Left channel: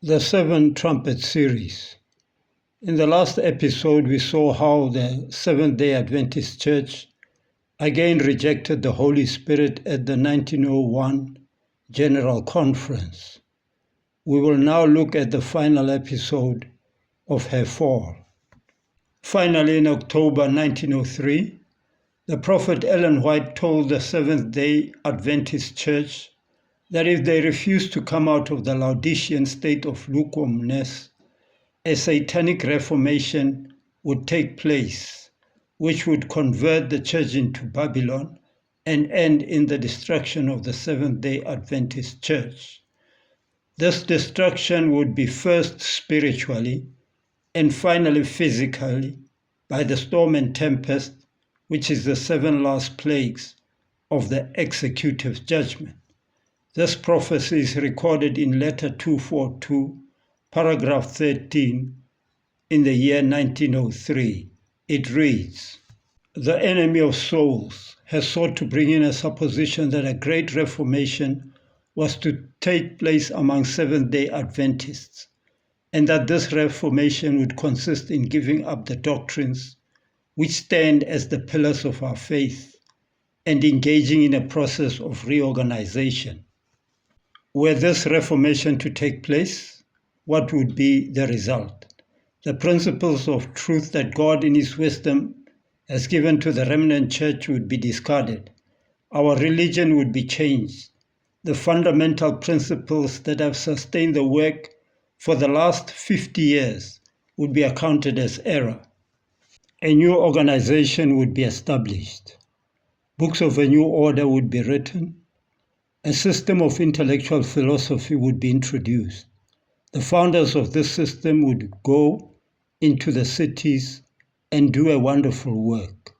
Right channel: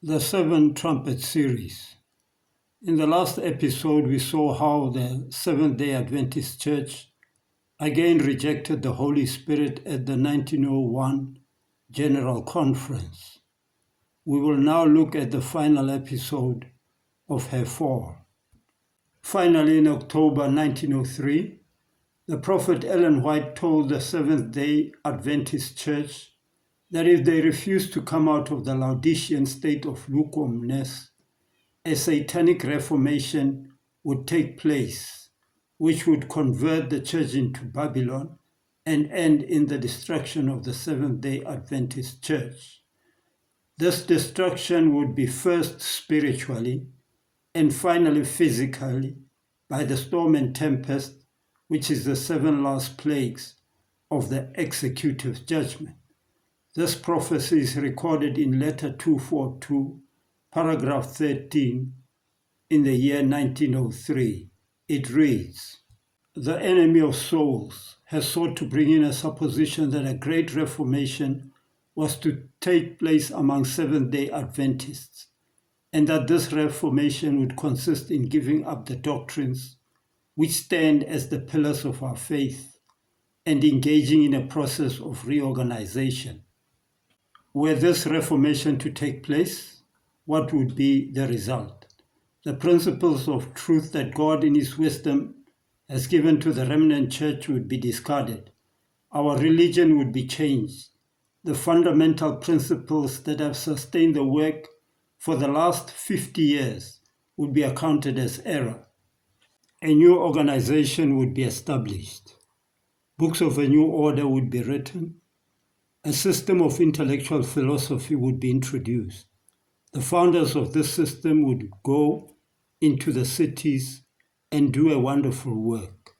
The Seven Trumpet series. In the last episode, we saw how the Seventh-day Adventist Church again rejected the Holy Spirit at the 1901 General Conference. We will now look at the final episode of her fall. Finally, in October 1903, the prophet Ellen White told the Seventh-day Adventist Church that if they refused to come out of the Laodicean state of lukewarmness, a satanic reformation would take place, which would convert the church into Babylon and end in the destruction of the Seventh-day Adventist Church. This destruction would be first spiritually and finally physically by the storm and tempest, which is the seven last plagues of the executive judgment. This prophecy is recorded in letter 242, paragraph 13, in the year 1903. It reads, "The enemy of souls has sought to bring in a supposition that a great reformation was to take place among Seventh-day Adventists, and that this reformation would consist in giving up the doctrines which stand as the pillars of our faith and engaging in a process of reorganization. Were this reformation to take place, what would be the result? The principles of truth that God in His wisdom has given to the remnant church would be discarded. Our religion would be changed. The fundamental principles that have sustained the work for the last 50 years would be accounted as error. A new organization would be established. Books of a new order would be written. A system of intellectual philosophy would be introduced. The founders of this system would go into the cities and do a wonderful work.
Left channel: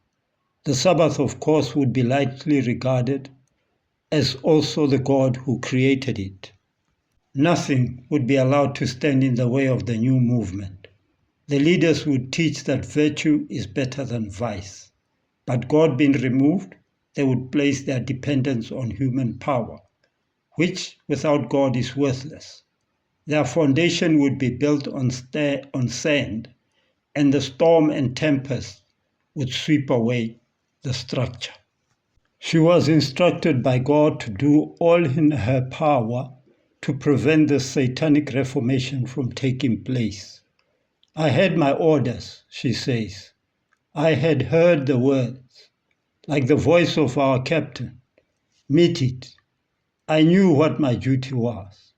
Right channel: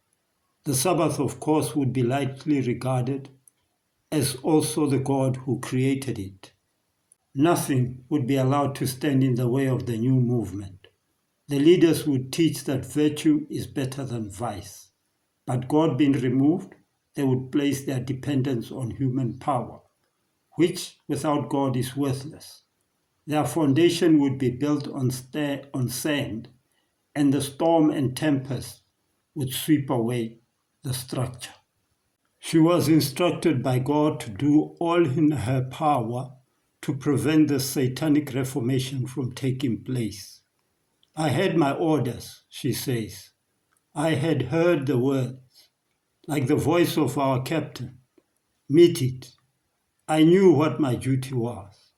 The Sabbath, of course, would be lightly regarded as also the God who created it. Nothing would be allowed to stand in the way of the new movement. The leaders would teach that virtue is better than vice. But God being removed, they would place their dependence on human power, which without God is worthless. Their foundation would be built on sand, and the storm and tempest would sweep away the structure. She was instructed by God to do all in her power to prevent the satanic reformation from taking place. I had my orders, she says. I had heard the words, like the voice of our captain. Meet it. I knew what my duty was,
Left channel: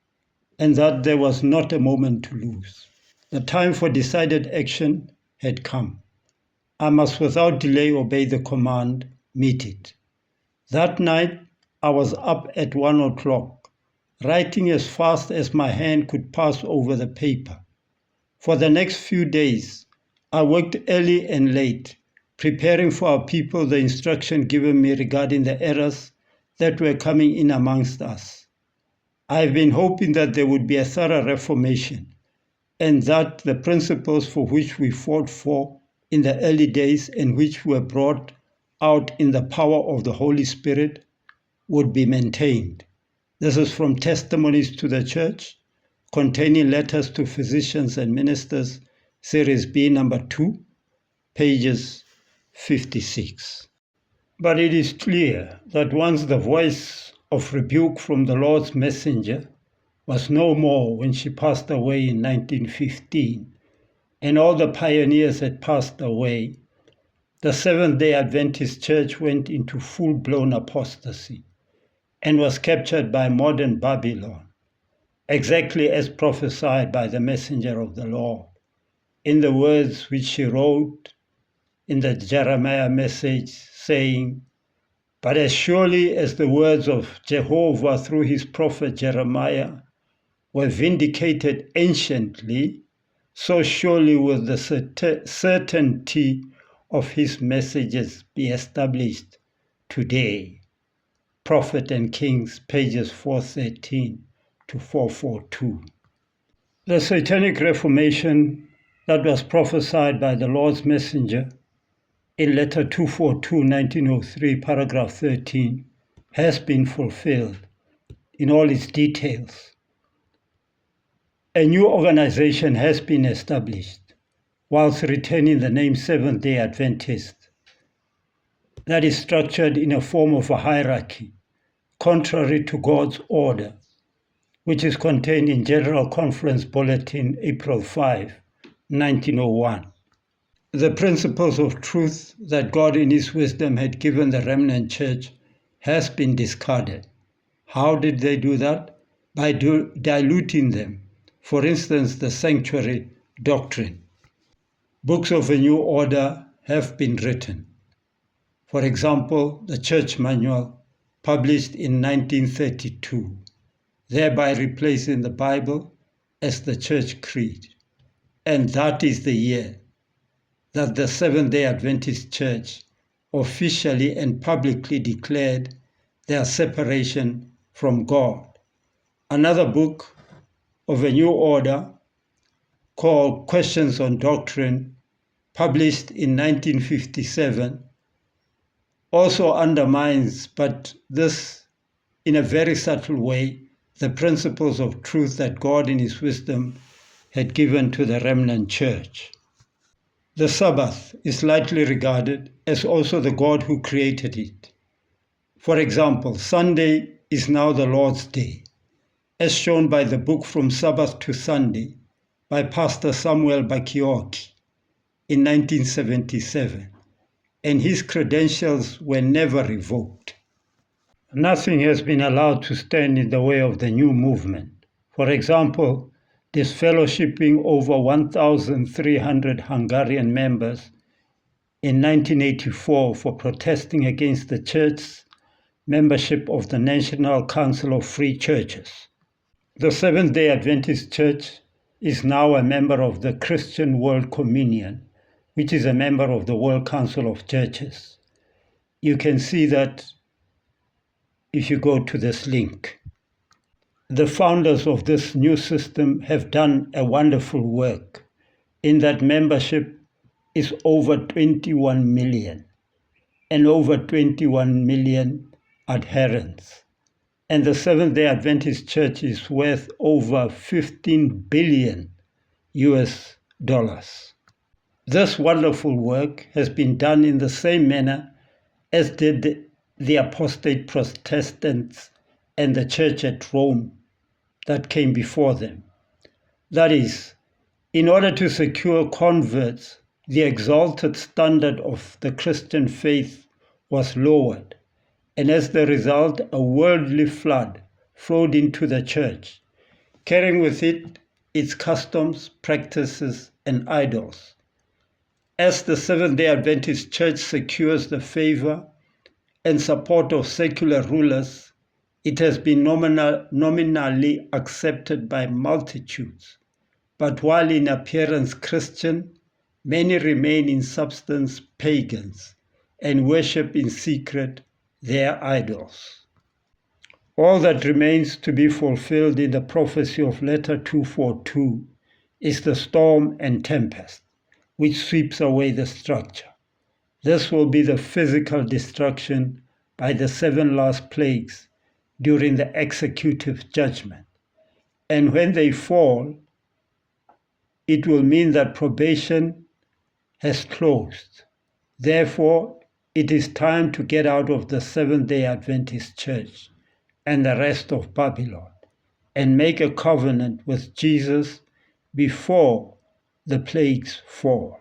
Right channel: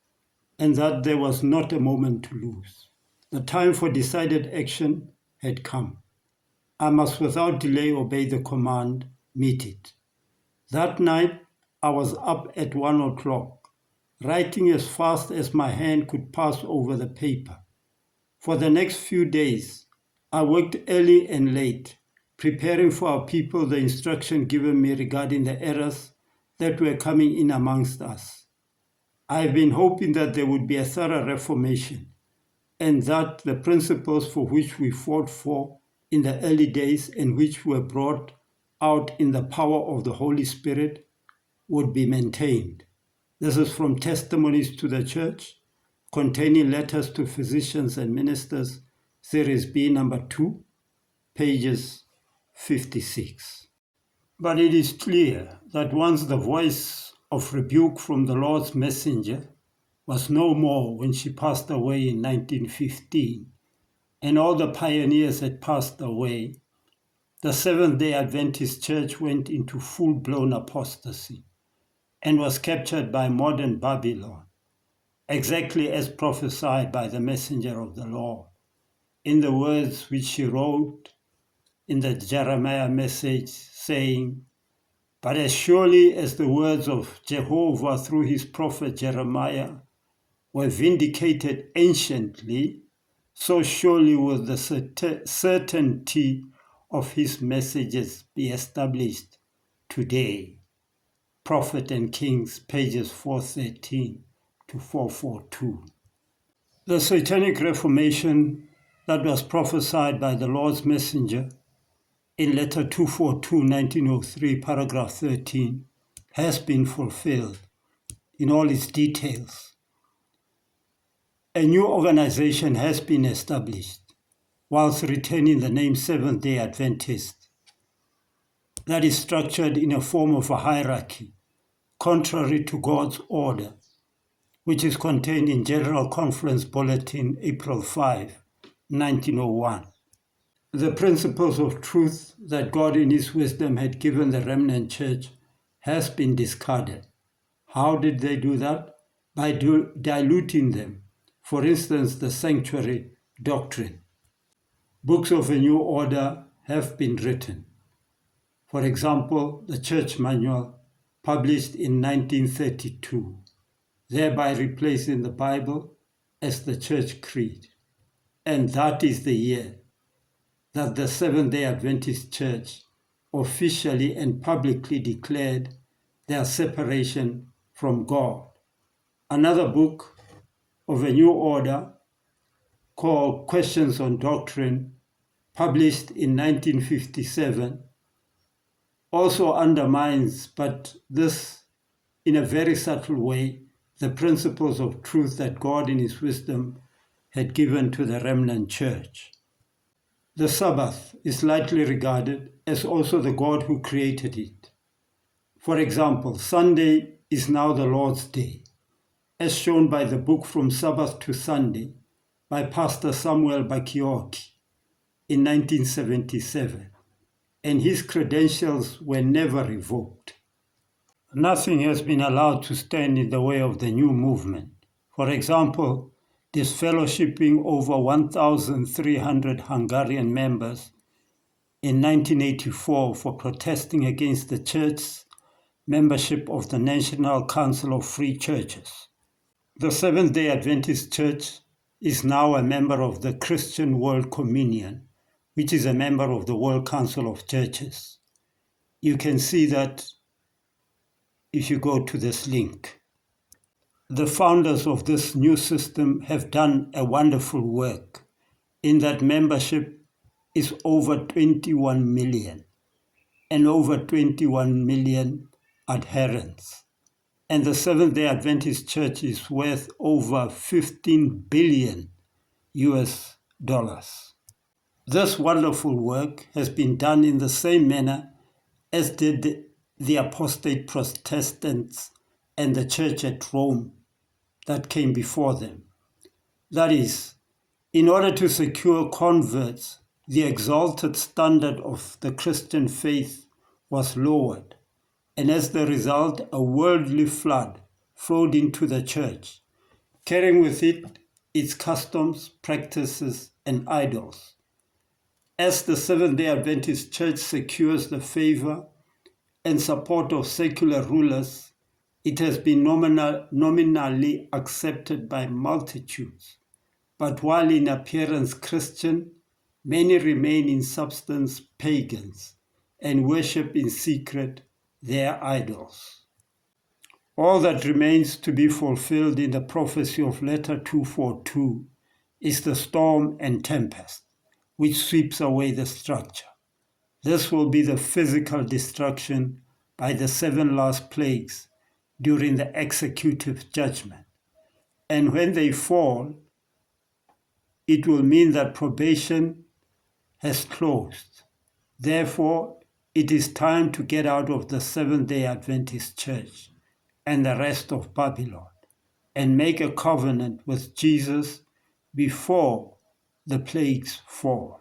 and that there was not a moment to lose. The time for decided action had come. I must without delay obey the command, meet it. That night, I was up at 1 o'clock, writing as fast as my hand could pass over the paper. For the next few days, I worked early and late, preparing for our people the instruction given me regarding the errors that were coming in amongst us. I have been hoping that there would be a thorough reformation, and that the principles for which we fought for in the early days and which were brought out in the power of the Holy Spirit would be maintained. This is from Testimonies to the Church, containing letters to physicians and ministers, Series B, number 2, pages 56. But it is clear that once the voice of rebuke from the Lord's messenger was no more when she passed away in 1915, and all the pioneers had passed away, the Seventh-day Adventist Church went into full-blown apostasy and was captured by modern Babylon, exactly as prophesied by the messenger of the Lord, in the words which she wrote in the Jeremiah message, saying, "But as surely as the words of Jehovah through his prophet Jeremiah were vindicated anciently, so surely will the certainty of his messages be established today." Prophet and Kings, pages 413 to 442. The Satanic Reformation that was prophesied by the Lord's messenger in letter 242, 1903, paragraph 13, has been fulfilled in all its details. A new organization has been established, whilst retaining the name Seventh-day Adventist, that is structured in a form of a hierarchy, contrary to God's order, which is contained in General Conference Bulletin, April 5, 1901. The principles of truth that God in His wisdom had given the remnant church has been discarded. How did they do that? By diluting them. For instance, the sanctuary doctrine. Books of a new order have been written. For example, the Church Manual, published in 1932, thereby replacing the Bible as the Church Creed. And that is the year that the Seventh-day Adventist Church officially and publicly declared their separation from God. Another book of a new order called Questions on Doctrine, published in 1957, also undermines, but this in a very subtle way, the principles of truth that God in His wisdom had given to the remnant church. The Sabbath is lightly regarded as also the God who created it. For example, Sunday is now the Lord's Day, as shown by the book From Sabbath to Sunday by Pastor Samuel Bakioki in 1977, and his credentials were never revoked. Nothing has been allowed to stand in the way of the new movement. For example, disfellowshipping over 1,300 Hungarian members in 1984 for protesting against the church's membership of the National Council of Free Churches. The Seventh-day Adventist Church is now a member of the Christian World Communion, which is a member of the World Council of Churches. You can see that if you go to this link. The founders of this new system have done a wonderful work in that membership is over 21 million and over 21 million adherents. And the Seventh-day Adventist Church is worth over 15 billion US dollars. This wonderful work has been done in the same manner as did the apostate Protestants and the church at Rome that came before them. That is, in order to secure converts, the exalted standard of the Christian faith was lowered, and as the result, a worldly flood flowed into the church, carrying with it its customs, practices, and idols. As the Seventh-day Adventist Church secures the favor and support of secular rulers, it has been nominally accepted by multitudes. But while in appearance Christian, many remain in substance pagans and worship in secret their idols. All that remains to be fulfilled in the prophecy of letter 242 is the storm and tempest, which sweeps away the structure. This will be the physical destruction by the 7 last plagues during the executive judgment. And when they fall, it will mean that probation has closed. Therefore, it is time to get out of the Seventh-day Adventist Church and the rest of Babylon and make a covenant with Jesus before the plagues fall.